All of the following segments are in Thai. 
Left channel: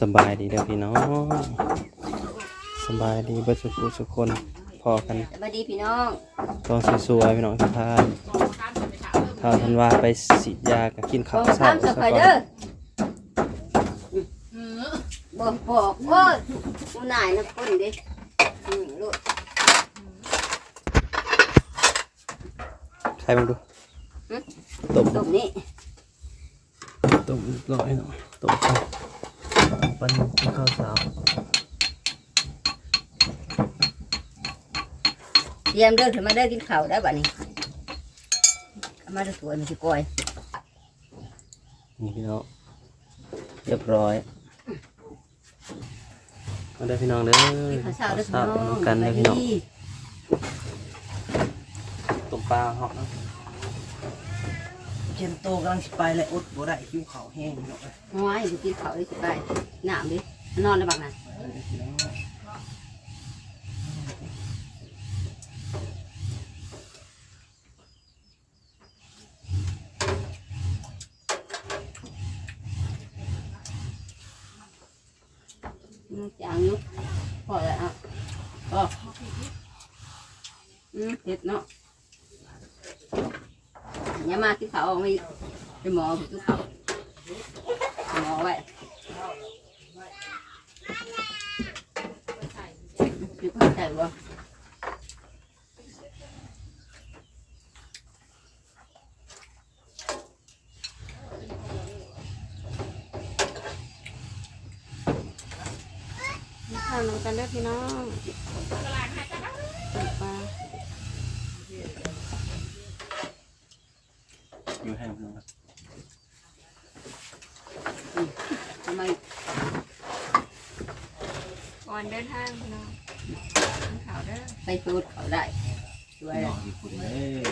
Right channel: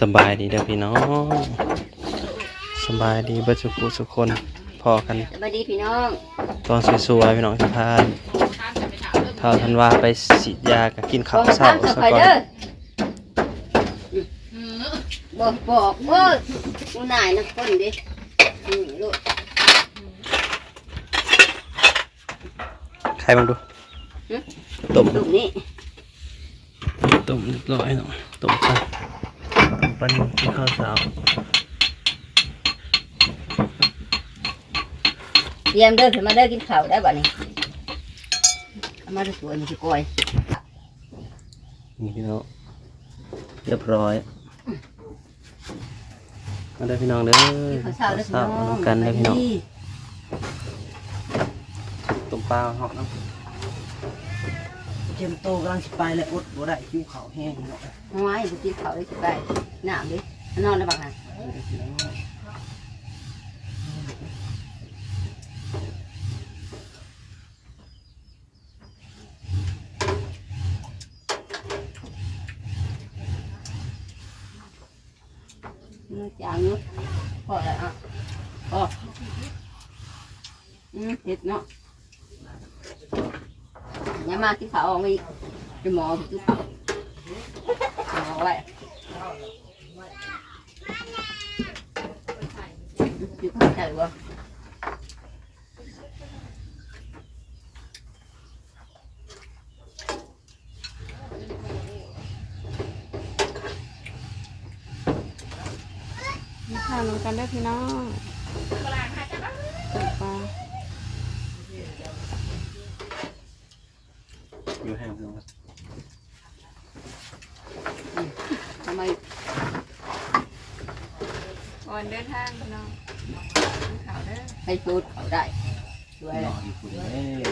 สบายดีเด้อพี่น้องสบายดีเบัสุกุสุกคนพอกันสวัสดีพี่น้องตอนสวยๆพี่น้องสะพานเท่าทันว่าไปฉีดยากับกินข้าวเช้าสซะไปก่อนเดอร์บอกบอกว่าผู้นายนะคนเด้อืมลูกใครบ้างดูต้มลูกนี้ต้มเรียบร้อยเนาะต้มไป ปันกินข้าวเช้าเตรียมเด้อขึ้นมาเด้อกินข้าวได้บัดนี้เอามาดูสวยมันสิกอยนี่พี่น้องเรียบร้อยมาเด้อพี่น้องเด้อกินข้าวเช้าเด้อพี่ข้าวน้องน้ำกันเด้อพี่น้องต้มปลาหอมเนาะเจมโตกำลังสิไปเลยอดบ่ได้คิวเขาวแห้งเนาะห้อยจะกินข้าวได้สิได้น้ำดินอนได้บักนั้นมันจางอยู่พอแล้วอะพออืมเห็ดเนาะอย่ามากินข้าวเอาไปไปหมอไปกินข้าวหมอไว้กินข้าว ใช่บ่ข้าวลงกันได้อพี่น้องต้มปลาอยู่แห้งพี่น้องครับ ทำไม ก่ อนเดินทางพี่น้องกินข้าวเด้อ ไปสูดเขาได้ด้วยนอนอยู่ฝุ่นเลย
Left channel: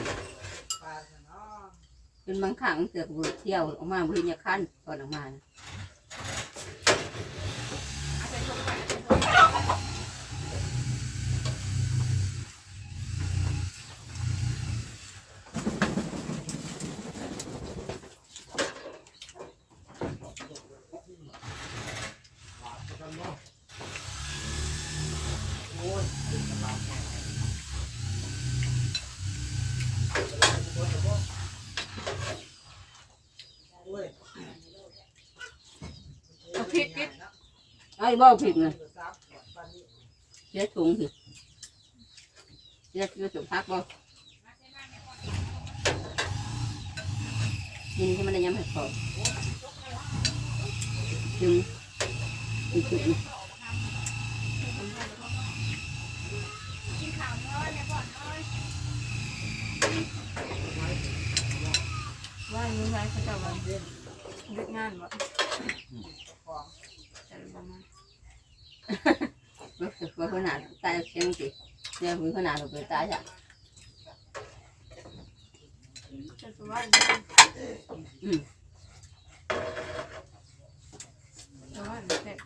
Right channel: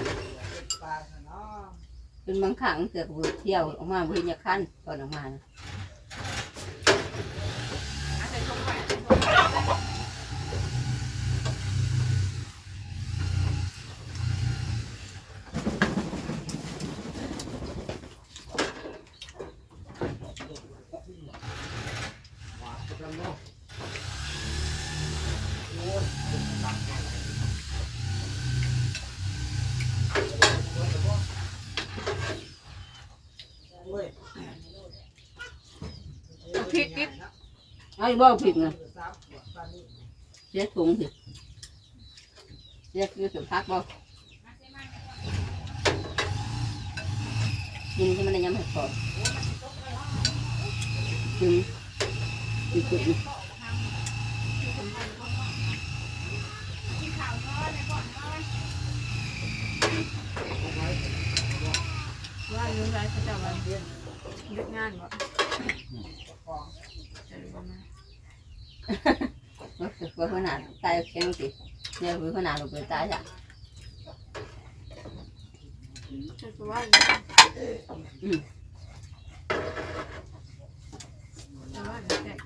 เป็นบางครั้งเสือกเบื่อเที่ยวออกมาเพื่อนขั้นตอนออกมานะ อ้บ่ผิดนะเสียถุงสิเสียคือถุงพักบ่กินที่มันได้ย้ำให้พอกินกินจุดนะว่าอยู่ไรเขาเจะมาเลือกงานบ่จะรู้มา ว่าว่าขนาตายเชียงสิเนี่ยคือขนาดเราเกิดตายจ้ะจะรู้ว่าอืมแต่ว่าเด็ก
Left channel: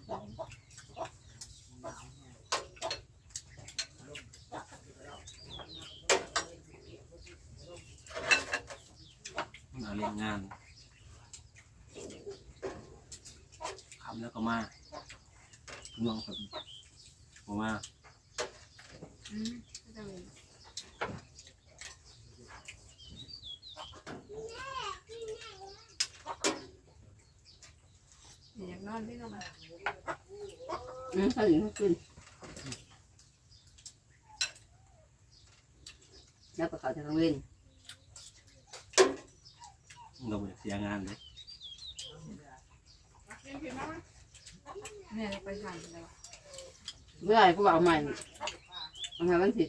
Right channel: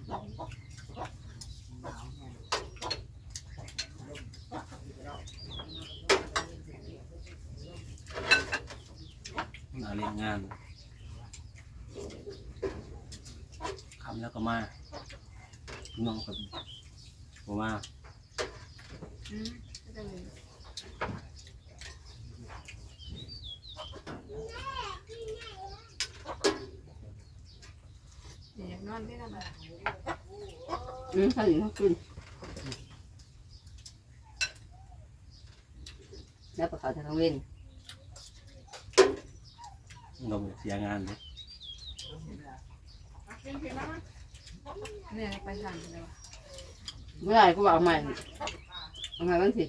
เอาเรียงงานคำแล้วก็มา น้องกับผมมาอืมก็จะมีอยากนอนที่นั่นอืมเขาถึงเขาขึ้นแล้วก็เขาจะต้องเล่น เราไม่เสียงานเลย เนี่ยไปสั่งเลยวะเมื่อไหร่ก็บอกใหม่เอาใหม่วันผิด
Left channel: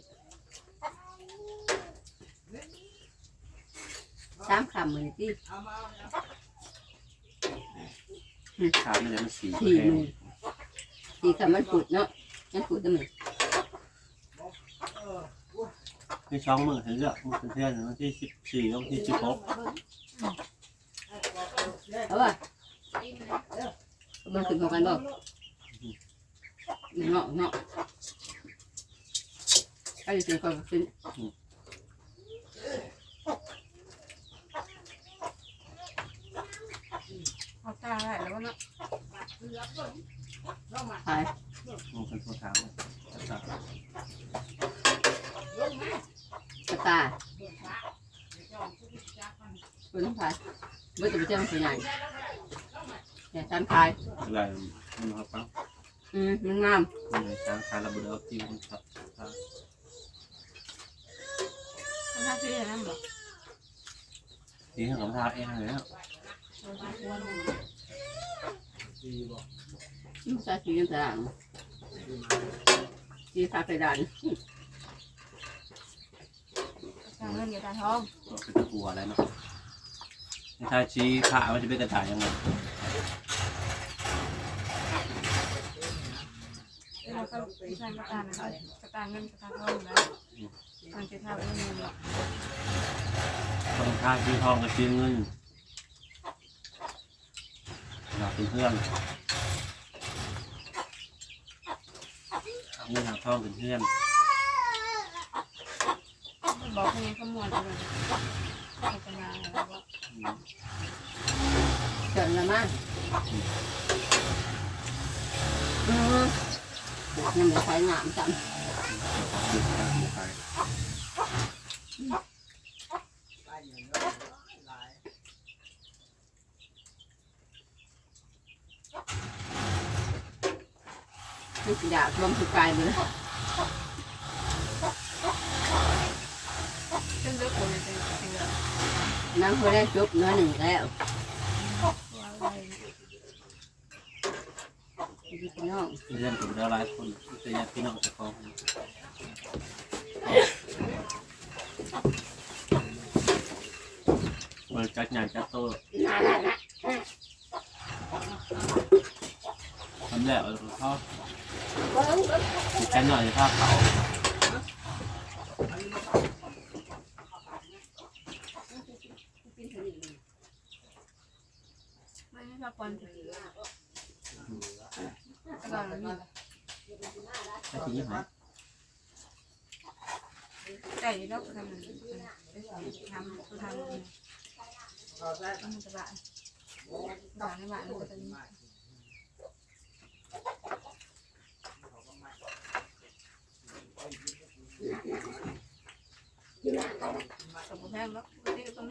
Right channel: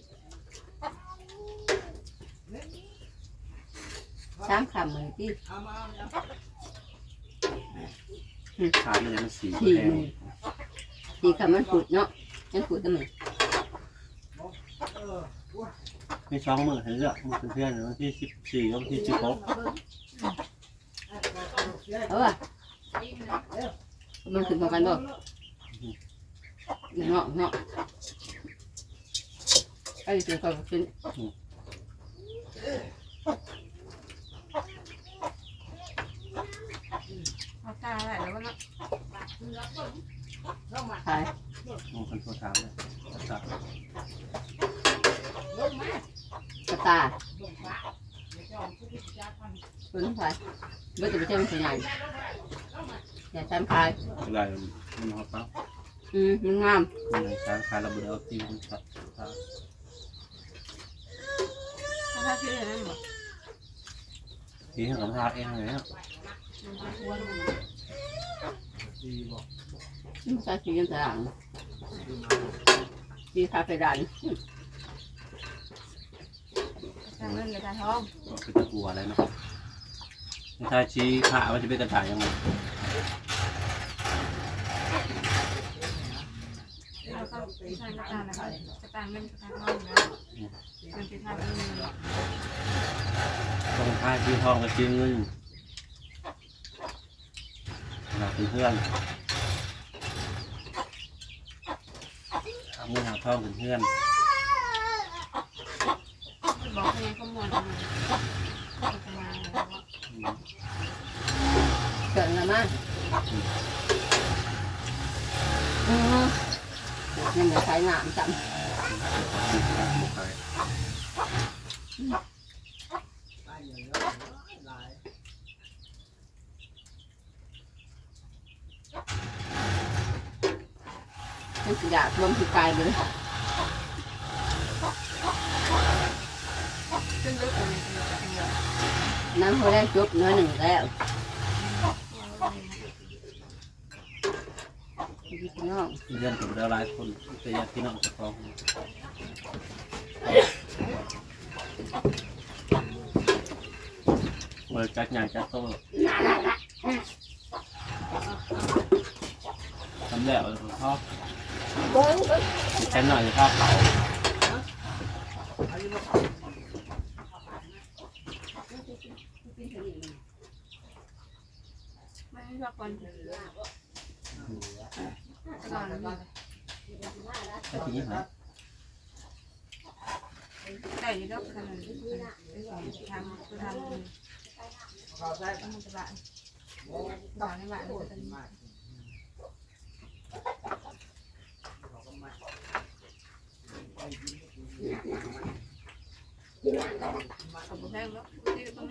สามคำเหมือนที่ทานอะไรมันสีสี่แพหงมื่นสี่คำมันผุดเนาะมันผุดตั้งไหนไม่ช่องมือเห็นเลือกมือเพื่อนๆวันที่สิบสี่วันที่สิบหก เอาว่ะ มันขึ้นของกันบ่เงาะเงาะไอ้ถึงก็ขึ้นเอาตาอะไรแล้วก็เนาะใช่มองคนโทรถามเลยตัดกระตาเป็นไฟเมื่อจะไปเที่ยวมันใหญ่ อย่าชันคายอะไรมันหอบปั๊บอืมมันงามมันยังช้างคาราบุเดลติวมันตัดตัดถ้าคืออย่างนั้นบอกทีของทาเองเลยนะมันใส่สีกันตารางสีทาไปดันจ่ายเงินอย่าจ่ายทองก็เป็นตะกัวอะไรเนาะถ้าชี้ขามันจะเป็นกระต่ายยังไง เราก็ใช้กระตานะคะกระตาเงินกระตาทองนะเงินเป็นค่าเงินคนค่าชี้ทองกับชี้เงินเราเป็นเพื่อนเอาเงินหาทองเป็นเพื่อนบอกให้ไงขมวดเลยจะมาแล้วก็เกินละมั้ง ยังไม่ใช้งามจังมันอยากลมที่ไกลไปเลยขึ้นเลือกคนเลยจะเป็นเงินน้ำเขาได้จบเนื้อหนึ่งแล้ว ว่าอะไรนะ พี่น้องเพื่อนกับเราหลายคนแต่ญาติพี่น้องจะฟ้องเปิดจัดใหญ่จัดโตทำแล้วเราทอดแค่หน่อยจะทอดเผา ไม่ชอบคนตลอดเลย ไอ้ที่ยี่ห้อ แต่อยู่รอบถนนทำคือทำ มันจะบ้านต่อในบ้านมันจะเป็นสมบูรณ์แล้วที่ตร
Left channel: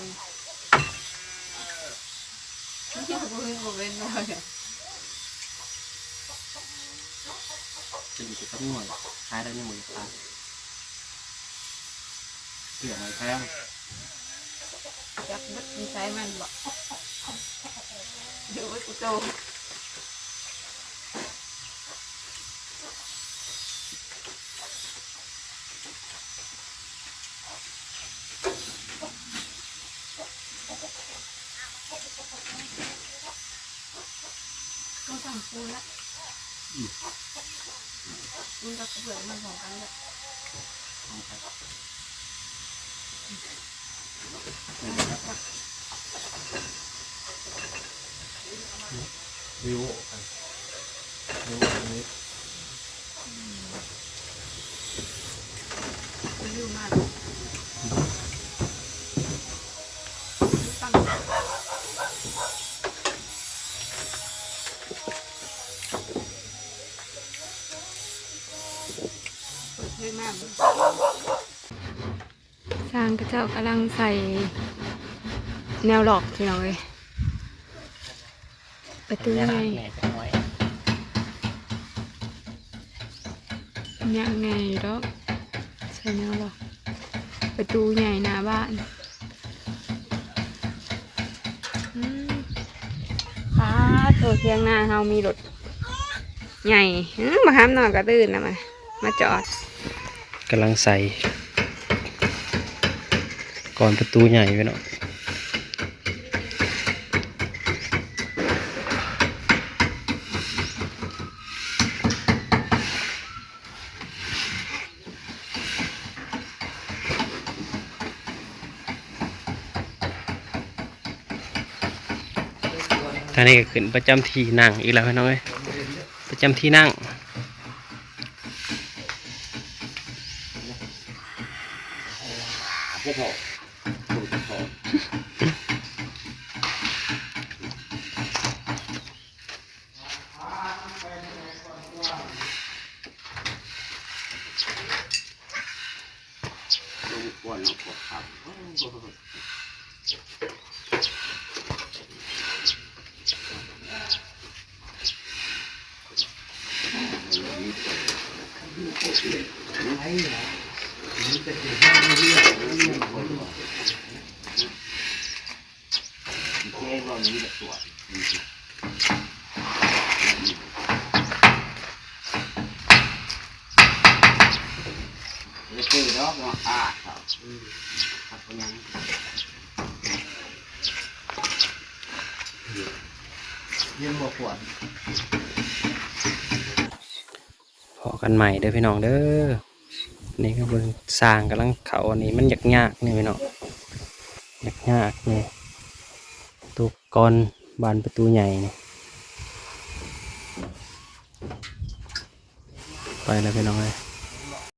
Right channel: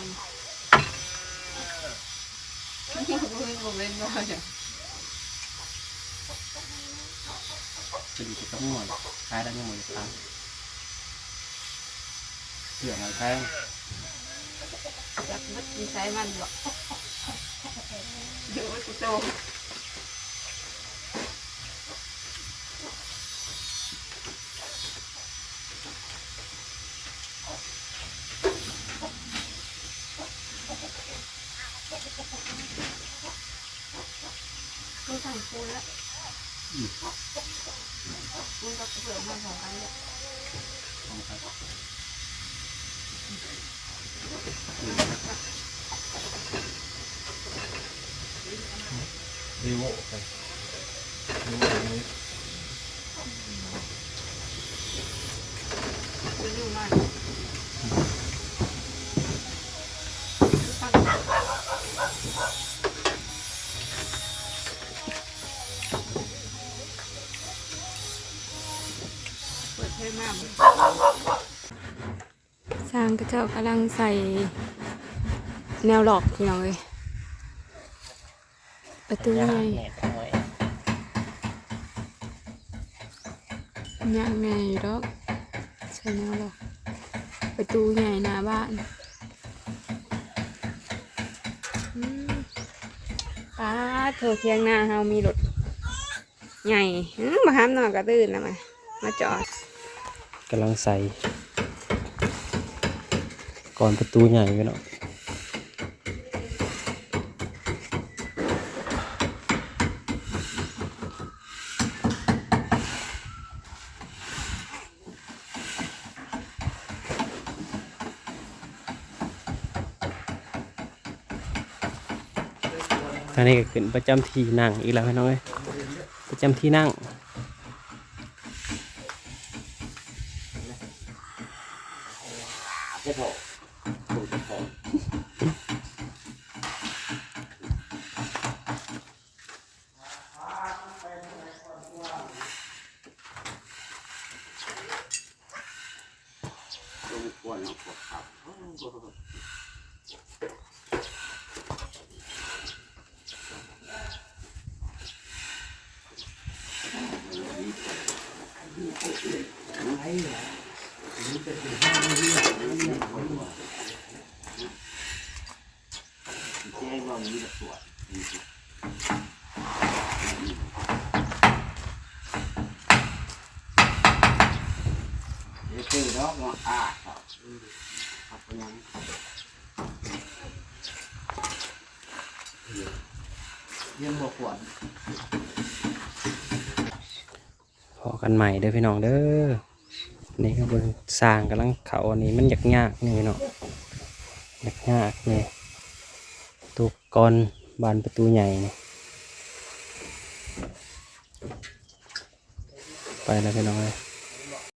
ง นี้ครับคนเขาก็มองที่เป็นปัจจัยเขาก็ไม่บอกเล่นเลย จะอยู่กับหน่วยใช้ได้ไม่หมดครับเสือมันแพง จับมัดมีใช้มันบอกดูว่ากูโตก็สั่งปูแล้ว ปูกับเปลือกมันสองกันเลย ริ้ว จะริ้วมากเปิดเทมากสร้างกระ เจ้ากำลังใส่แนวหลอกที่น้องเลยประตูใหญ่แม่จะน้อยยังไงดอกใส่แนวหลอก ประตูใหญ่หน้าบ้านอืมป้าโถเทียงหน้าเฮามีรถใหญ่อื้อมาห้ามนอนกระตื่นนะมามาจอดกำลังใส่ ก่อนประตูใหญ่ไปเนาะท่านี้ก็ขึ้นประจำที่นั่งอีกแล้วพี่น้องเอ้ยประจำที่นั่ง จะพอคงจะพอล งควนเอาพอครับ ไอ้เหรอนี่เป็นที่ห้องเรียกเรียกคนว่า เจ๊ว่ามีแต่ตัวเดี๋ยวซื้อดอกมาอ่า ครับครับเป็นยังเรียนบ่ขวดพอกันใหม่เด้อพี่น้องเด้อนี่ก็เบิ่งสร้างกำลังเขาอันนี้มันยากยากนี่พี่น้องยากยากนี่ตุกกอนบานประตูใหญ่นี่ไปแล้วพี่น้องเลย